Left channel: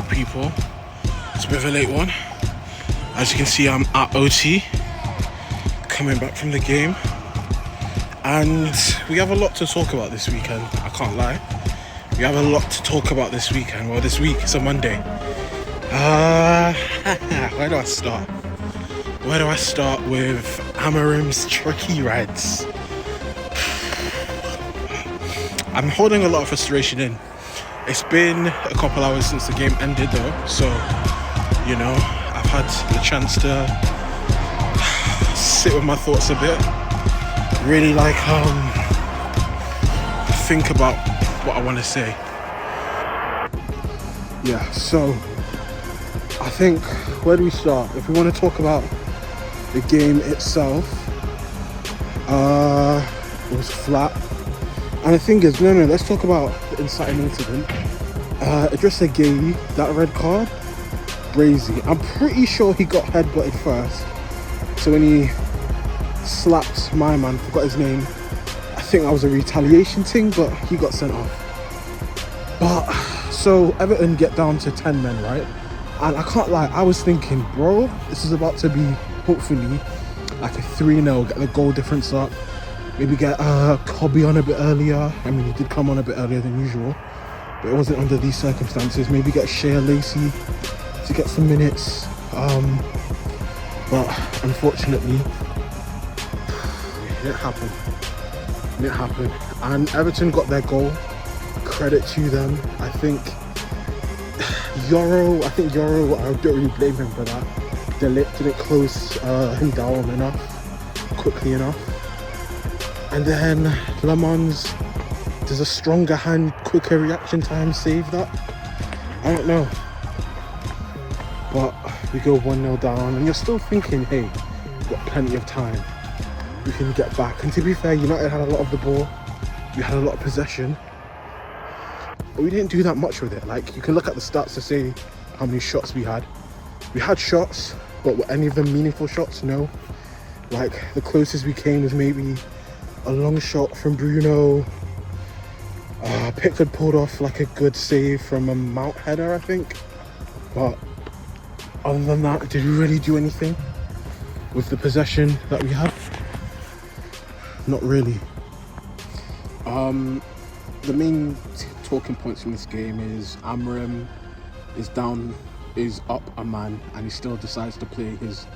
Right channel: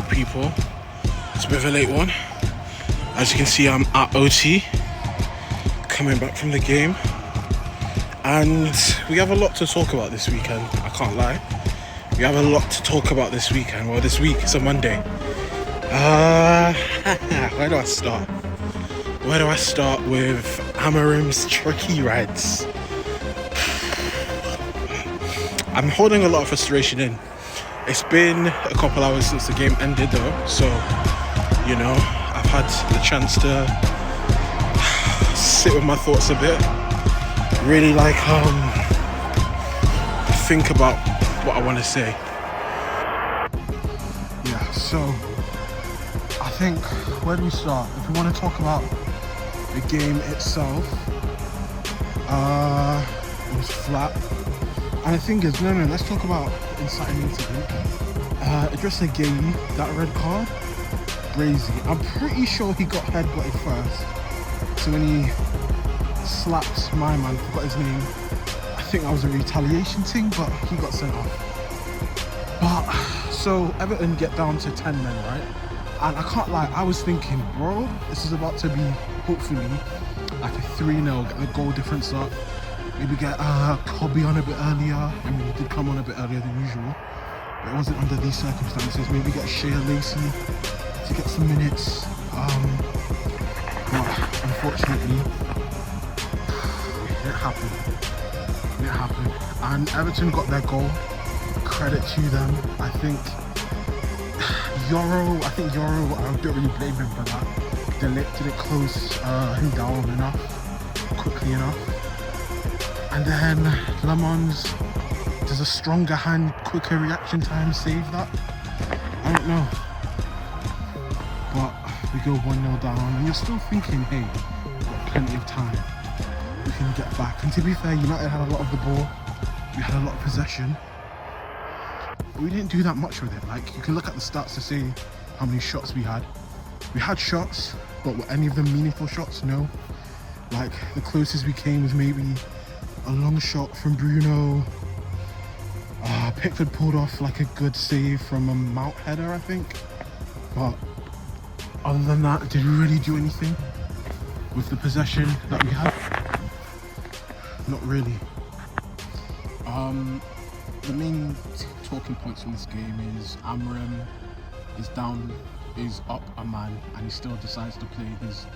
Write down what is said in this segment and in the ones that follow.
Yo people, it's a bit of a late one. As you can see, I'm at OT, coming back from the game, and we have a lot to talk about this weekend. I can't lie, we have a lot to talk about this weekend. Well, this week, it's a Monday. Where do I start? Where do I start with Amorim's tricky rides? I'm holding a lot of frustration in. It's been a couple hours since the game ended though, so you know, I've had the chance to sit with my thoughts a bit, really think about what I want to say. Yeah, so I think, where do we start? If we want to talk about the game itself, it was flat. And the thing is, let's talk about the inciting incident. Idrissa Gueye, that red card, crazy. I'm pretty sure he got headbutted first. So when he slapped my man, forgot his name, I think that was a retaliation thing, but he got sent off. But, so Everton get down to 10 men, right? And I can't lie, I was thinking, bro, this is about to be, hopefully, like a 3-0, get the goal difference up. Maybe get Cobby on a bit earlier. I mean, he did come on a bit earlier than usual, but it wasn't under these circumstances. Maybe get Shea Lacey to get some minutes. But unfortunately, it happened. It happened. And Everton got their goal. Credit to them. I think Yoro, I don't really blame him for that. They didn't close him down enough, quickly enough. And then Lemons does a stronger hand, quicker reaction time save that. I don't know. But we go 1-0 down and you're still thinking, hey, we've got plenty of time. We can get back. And to be fair, United had a lot of the ball. We had a lot of possession. But we didn't do that much with it. Like, you can look at the stats to say how many shots we had. We had shots, but were any of them meaningful shots? No. Like, the closest we came was maybe a long shot from Bruno. Pickford pulled off like a good save from a Mount header, I think. But other than that, did we really do anything with the possession that we had? Not really. The main talking points from this game is Amorim is up a man, and he still decides to play his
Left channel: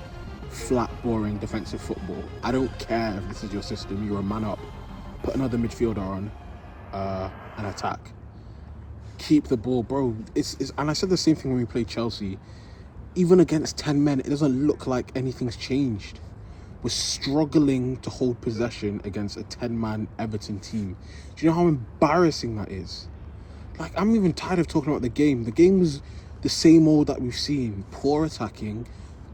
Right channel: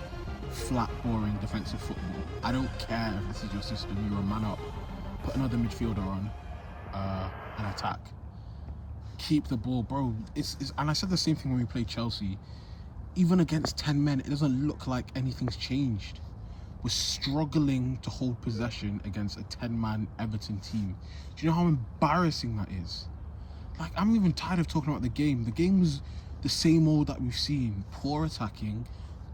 flat, boring defensive football. I don't care if this is your system, you're a man up, put another midfielder on and attack. Keep the ball, bro. And I said the same thing when we played Chelsea. Even against 10 men, it doesn't look like anything's changed. We're struggling to hold possession against a 10-man Everton team. Do you know how embarrassing that is? Like, I'm even tired of talking about the game. The game was the same old that we've seen. Poor attacking.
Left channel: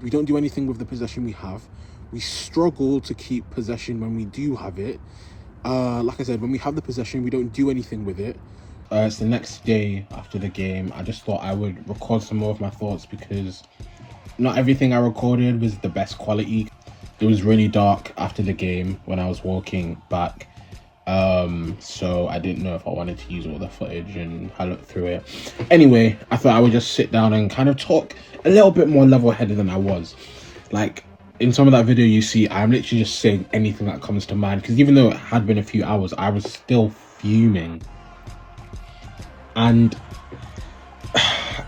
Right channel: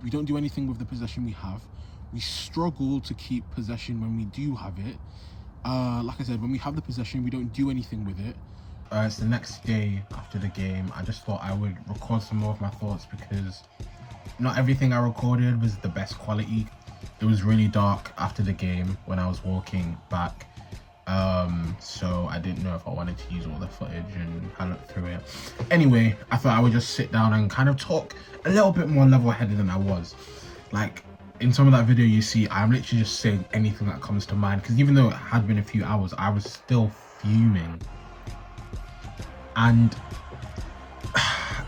We don't do anything with the possession we have. We struggle to keep possession when we do have it. Like I said, when we have the possession, we don't do anything with it. It's the next day after the game. I just thought I would record some more of my thoughts because not everything I recorded was the best quality. It was really dark after the game when I was walking back. So I didn't know if I wanted to use all the footage, and I looked through it. Anyway, I thought I would just sit down and kind of talk a little bit more level-headed than I was. Like, in some of that video you see, I'm literally just saying anything that comes to mind, because even though it had been a few hours, I was still fuming. And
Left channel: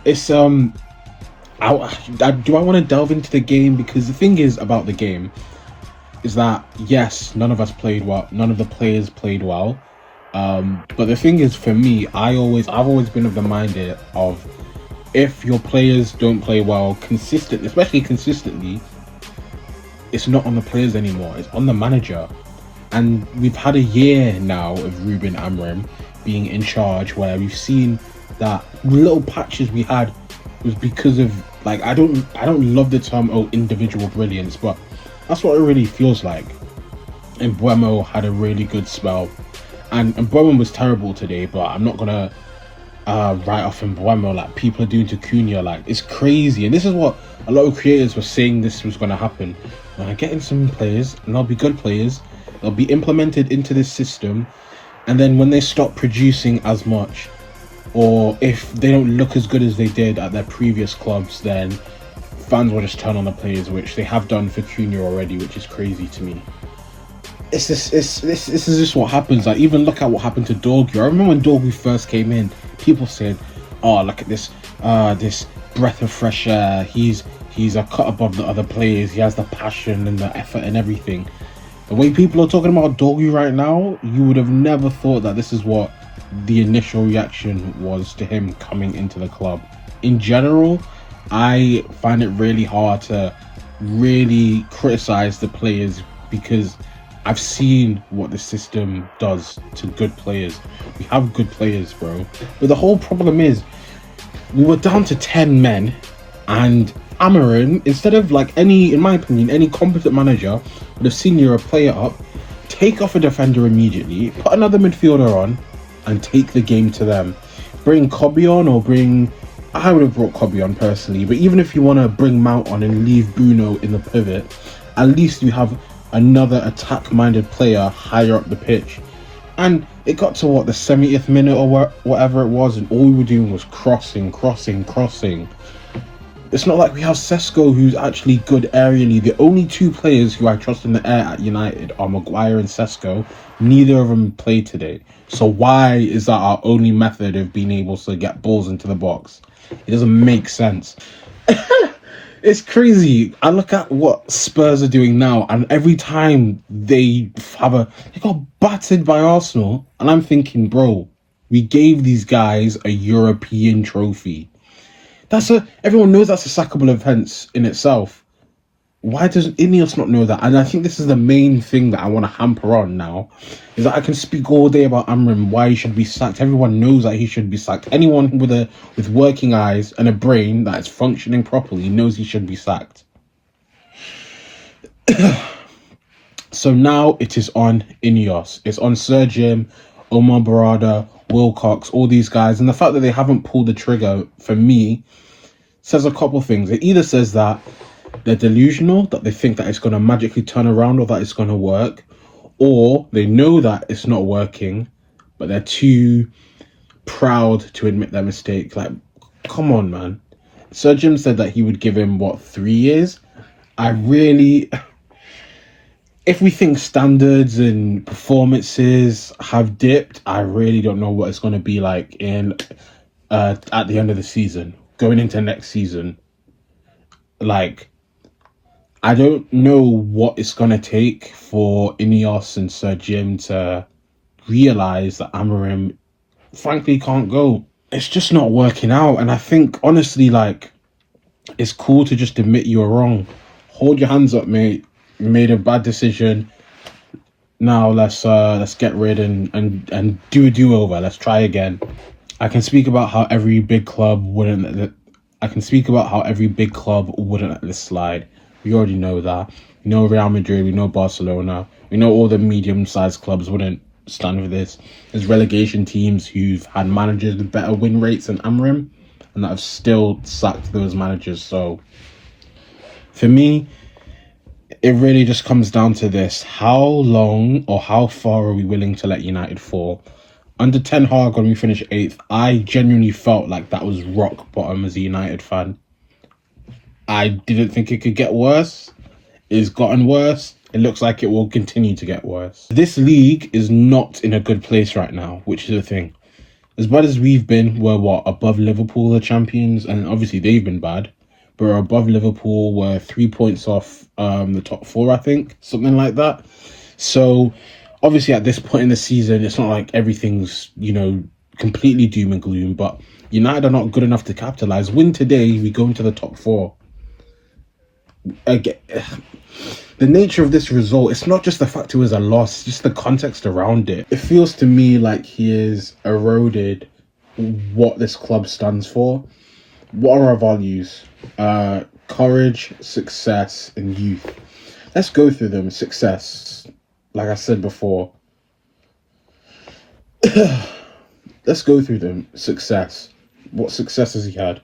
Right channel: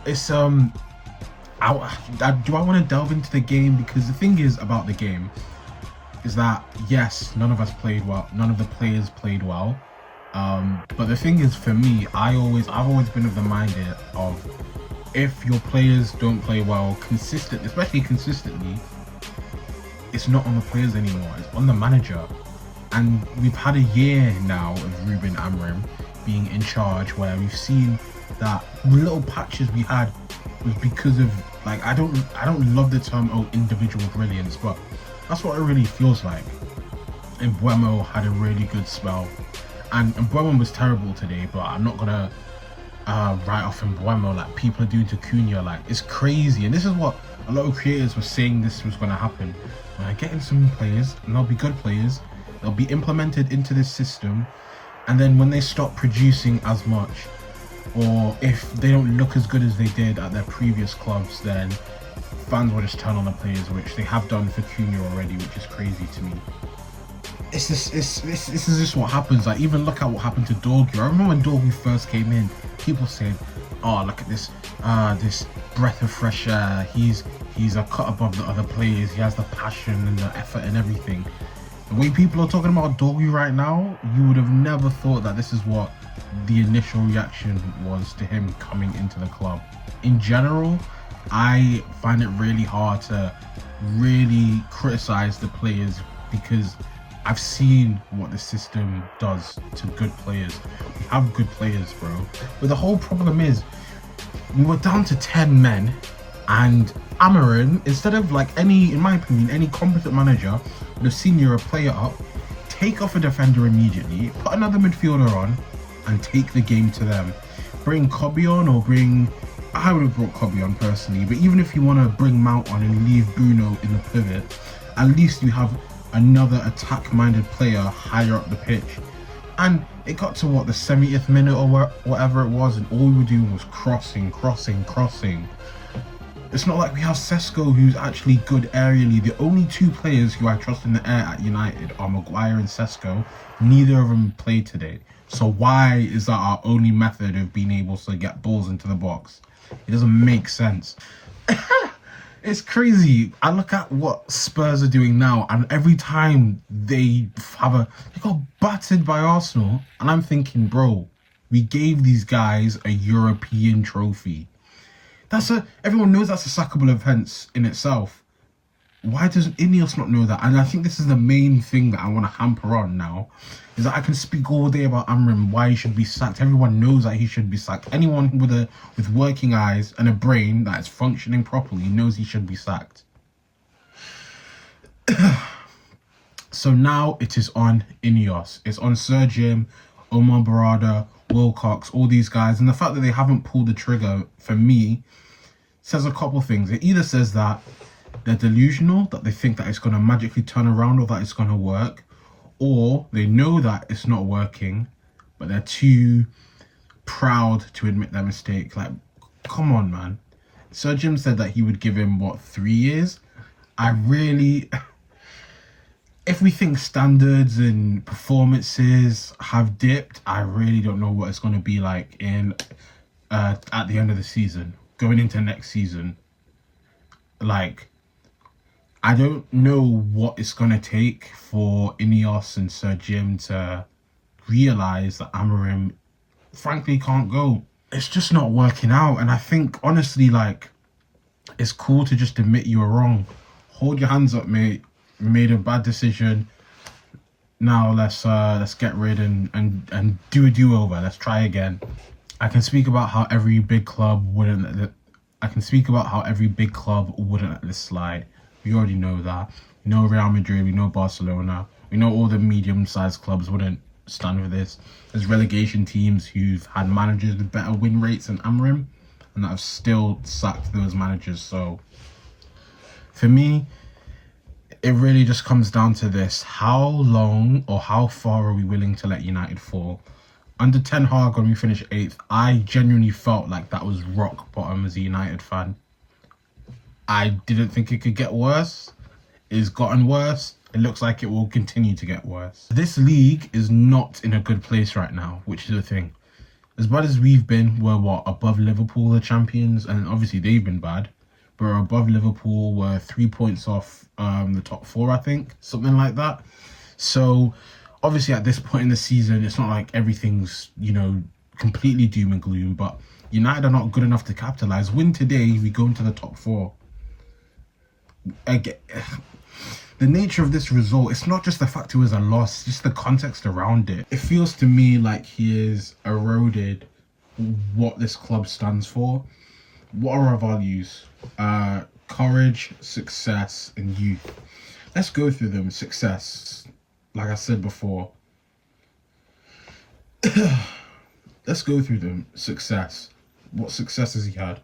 it's do I want to delve into the game? Because the thing is about the game is that, yes, none of us played well, none of the players played well, but the thing is, for me, I've always been of the mindset of, if your players don't play well consistently, especially consistently, it's not on the players anymore, it's on the manager. And we've had a year now of RUBEN Amorim being in charge, where we've seen that little patches we had was because of, like, I don't love the term individual brilliance, but that's what it really feels like. And Mbeumo had a really good spell, and Mbeumo was terrible today, but I'm not gonna write off Mbeumo like people are doing to Cunha. Like, it's crazy, and this is what a lot of creators were saying this was gonna happen. When I get in some players, and they'll be good players, they'll be implemented into this system, and then when they stop producing as much, or if they don't look as good as they did at their previous clubs, then fans will just turn on the players, which they have done for Cunha already, which is crazy to me. This is just what happens. Like, even look at what happened to Dorgu. I remember when Dorgu first came in, people said, "Oh, look at this, this breath of fresh air. He's a cut above the other players. He has the passion and the effort and everything." The way people are talking about Dorgu right now, you would have never thought that this is what the initial reaction was to him coming into the club. In general, I find it really hard to really criticize the players because I've seen what the system does to good players. We have good players, bro. But the whole problem is, we were down to 10 men, and Amorim, instead of in my opinion, any competent manager would have seen you're a player up, take off a defender immediately, put another midfielder on, and take the game to them. Bring Kobe on, I would have brought Kobe on personally, but even if you want to bring Mount on and leave Bruno in the pivot, at least you have another attack-minded player higher up the pitch. And it got to the 70th minute or whatever it was, and all we were doing was crossing. It's not like we have Sesko, who's actually good aerially. The only two players who I trust in the air at United are Maguire and Sesko. Neither of them played today. So why is that our only method of being able to get balls into the box? It doesn't make sense. It's crazy. I look at what Spurs are doing now, and every time they got battered by Arsenal, and I'm thinking, bro, we gave these guys a European trophy. Everyone knows that's a sackable offence in itself. Why does Ineos not know that? And I think this is the main thing that I want to hamper on now, is that I can speak all day about Amorim, why he should be sacked. Everyone knows that he should be sacked. Anyone with working eyes and a brain that is functioning properly knows he should be sacked. So now it is on Ineos. It's on Sir Jim, Omar Barada, Wilcox, all these guys. And the fact that they haven't pulled the trigger, for me, says a couple things. It either says that they're delusional, that they think that it's going to magically turn around or that it's going to work, or they know that it's not working, but they're too proud to admit their mistake. Like, come on, man. Sir Jim said that he would give him, 3 years? If we think standards and performances have dipped, I really don't know what it's going to be like at the end of the season, going into next season. I don't know what it's going to take for Ineos and Sir Jim to realise that Amorim, frankly, can't go. It's just not working out. And I think, honestly, it's cool to just admit you were wrong. Hold your hands up, mate. You made a bad decision. Now let's get rid and do a do-over. Let's try again. I can speak about how every big club wouldn't let this slide. We already know that. We know Real Madrid, we know Barcelona, we know all the medium-sized clubs wouldn't stand for this. There's relegation teams who've had managers with better win rates than Amorim, and that have still sacked those managers. So, for me, it really just comes down to this. How long or how far are we willing to let United fall? Under Ten Hag, when we finished 8th, I genuinely felt like that was rock bottom as a United fan. I didn't think it could get worse. It's gotten worse. It looks like it will continue to get worse. This league is not in a good place right now, which is the thing. As bad as we've been, we're above Liverpool, the champions, and obviously they've been bad. But we're above Liverpool, we're 3 points off the top 4, I think, something like that. So obviously at this point in the season, it's not like everything's, completely doom and gloom, but United are not good enough to capitalise. Win today, we go into the top 4. Again, the nature of this result, it's not just the fact it was a loss, it's just the context around it. It feels to me like he has eroded what this club stands for. What are our values? Courage, success, and youth. Let's go through them. Success, like I said before. Let's go through them. Success. What success has he had?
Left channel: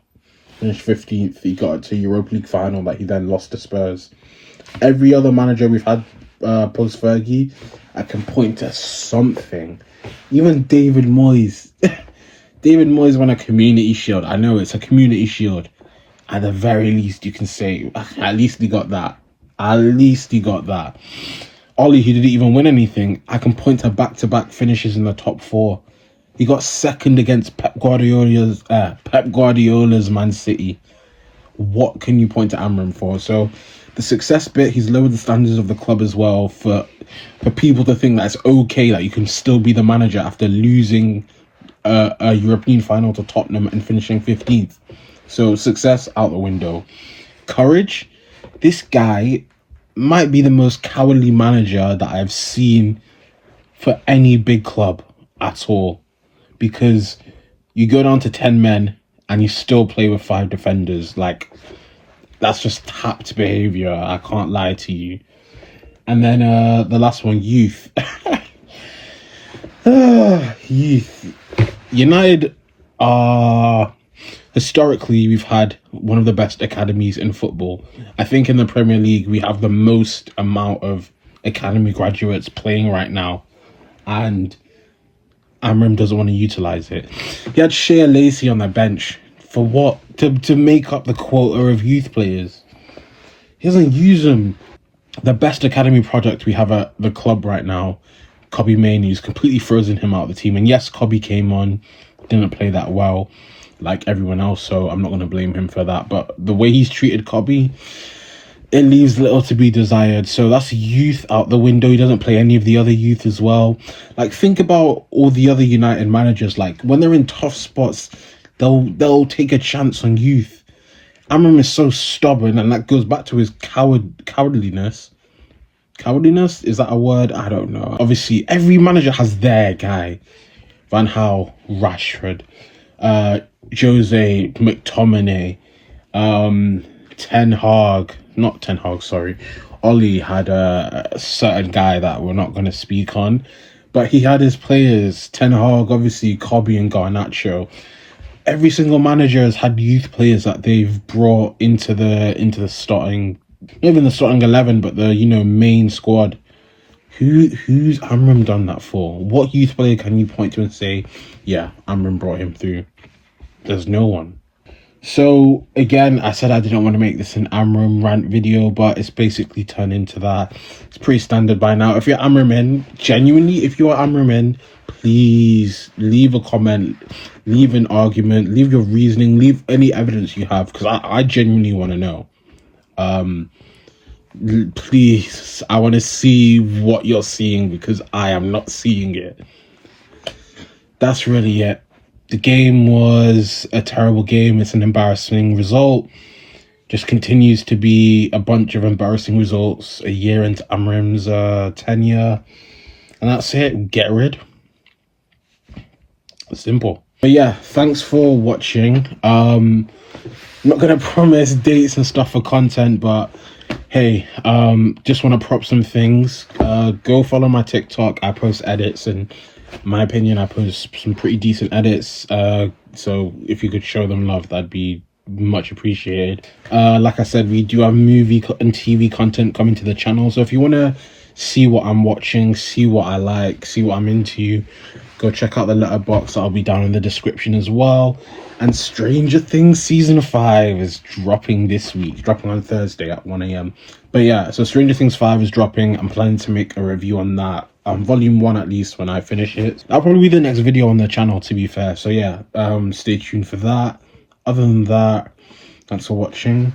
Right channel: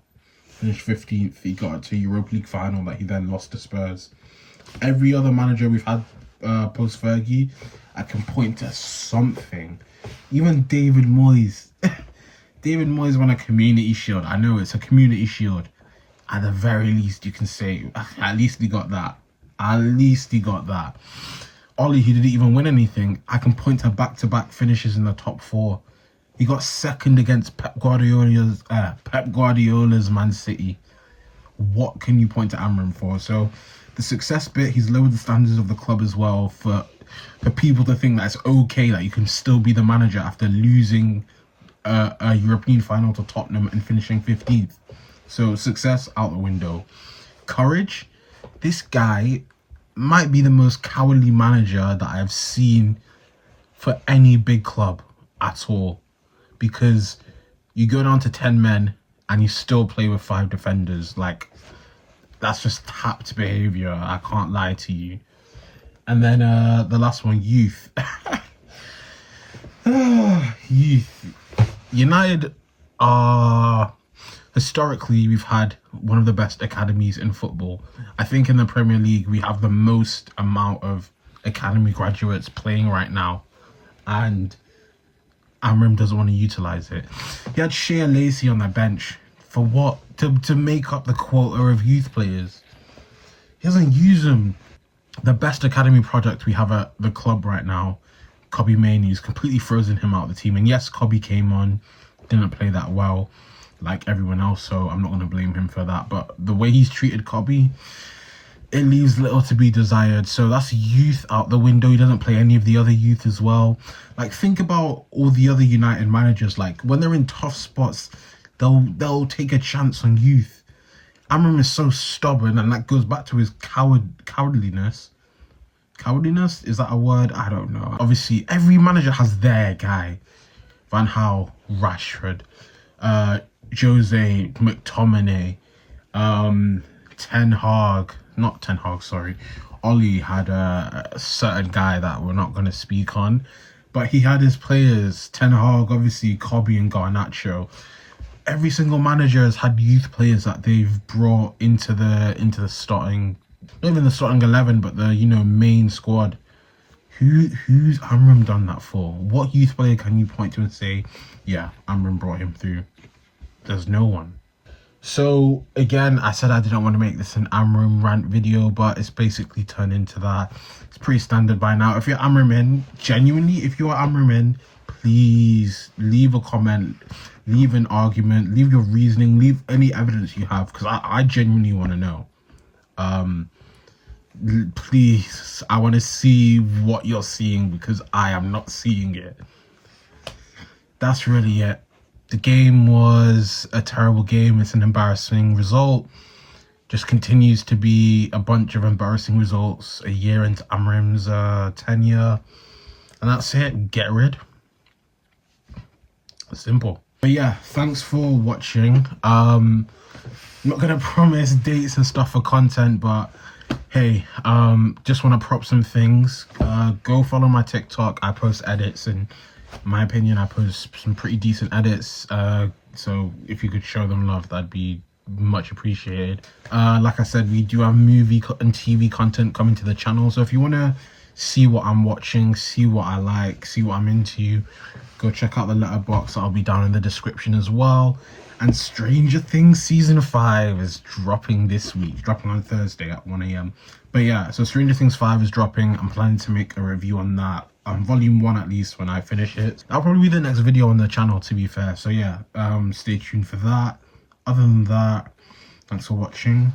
Finished 15th. He got to Europa League final that he then lost to Spurs. Every other manager we've had post Fergie, I can point to something. Even David Moyes. David Moyes won a community shield. I know it's a community shield. At the very least, you can say, at least he got that. At least he got that. Ollie, who didn't even win anything, I can point to back-to-back finishes in the top 4. He got second against Pep Guardiola's Man City. What can you point to Amorim for? So the success bit, he's lowered the standards of the club as well for people to think that it's okay that you can still be the manager after losing a European final to Tottenham and finishing 15th. So success out the window. Courage, this guy might be the most cowardly manager that I've seen for any big club at all. Because you go down to 10 men and you still play with 5 defenders. Like, that's just tapped behaviour. I can't lie to you. And then the last one, youth. Youth. United are... Historically, we've had one of the best academies in football. I think in the Premier League, we have the most amount of academy graduates playing right now. And Amorim doesn't want to utilise it. He had Shea Lacey on the bench. For what? To make up the quota of youth players. He doesn't use them. The best academy project we have at the club right now, Kobbie Mainoo's completely frozen him out of the team. And yes, Kobbie came on, didn't play that well like everyone else, so I'm not going to blame him for that. But the way he's treated Kobbie, it leaves little to be desired. So that's youth out the window. He doesn't play any of the other youth as well. Like, think about all the other United managers. Like, when they're in tough spots, they'll take a chance on youth. Amorim is so stubborn, and that goes back to his cowardliness. Cowardliness? Is that a word? I don't know. Obviously, every manager has their guy. Van Gaal, Rashford, Jose, McTominay, Ten Hag, not Ten Hag, sorry. Ollie had a certain guy that we're not going to speak on, but he had his players. Ten Hag, obviously, Kobbie and Garnacho. Every single manager has had youth players that they've brought into the starting, not even the starting 11, but the main squad. Who's Amorim done that for? What youth player can you point to and say, yeah, Amorim brought him through? There's no one. So again, I said I didn't want to make this an Amorim rant video, but it's basically turned into that. It's pretty standard by now. If you're Amorim in, genuinely, if you are Amorim in, please leave a comment, leave an argument, leave your reasoning, leave any evidence you have, because I genuinely want to know. Please, I want to see what you're seeing, because I am not seeing it. That's really it. The game was a terrible game. It's an embarrassing result. Just continues to be a bunch of embarrassing results a year into Amorim's tenure. And that's it. Get rid. Simple. But yeah, thanks for watching. I'm not going to promise dates and stuff for content, but hey, just want to prop some things. Go follow my TikTok. I post edits, and in my opinion, I post some pretty decent edits. So if you could show them love, that'd be much appreciated. Like I said, we do have movie and TV content coming to the channel. So if you want to see what I'm watching, see what I like, see what I'm into, go check out the letterbox. That'll be down in the description as well. And Stranger Things Season 5 is dropping this week. It's dropping on Thursday at 1 a.m. But yeah, so Stranger Things 5 is dropping. I'm planning to make a review on that. Volume 1 at least, when I finish it. That'll probably be the next video on the channel, to be fair. So yeah, stay tuned for that. Other than that, thanks for watching.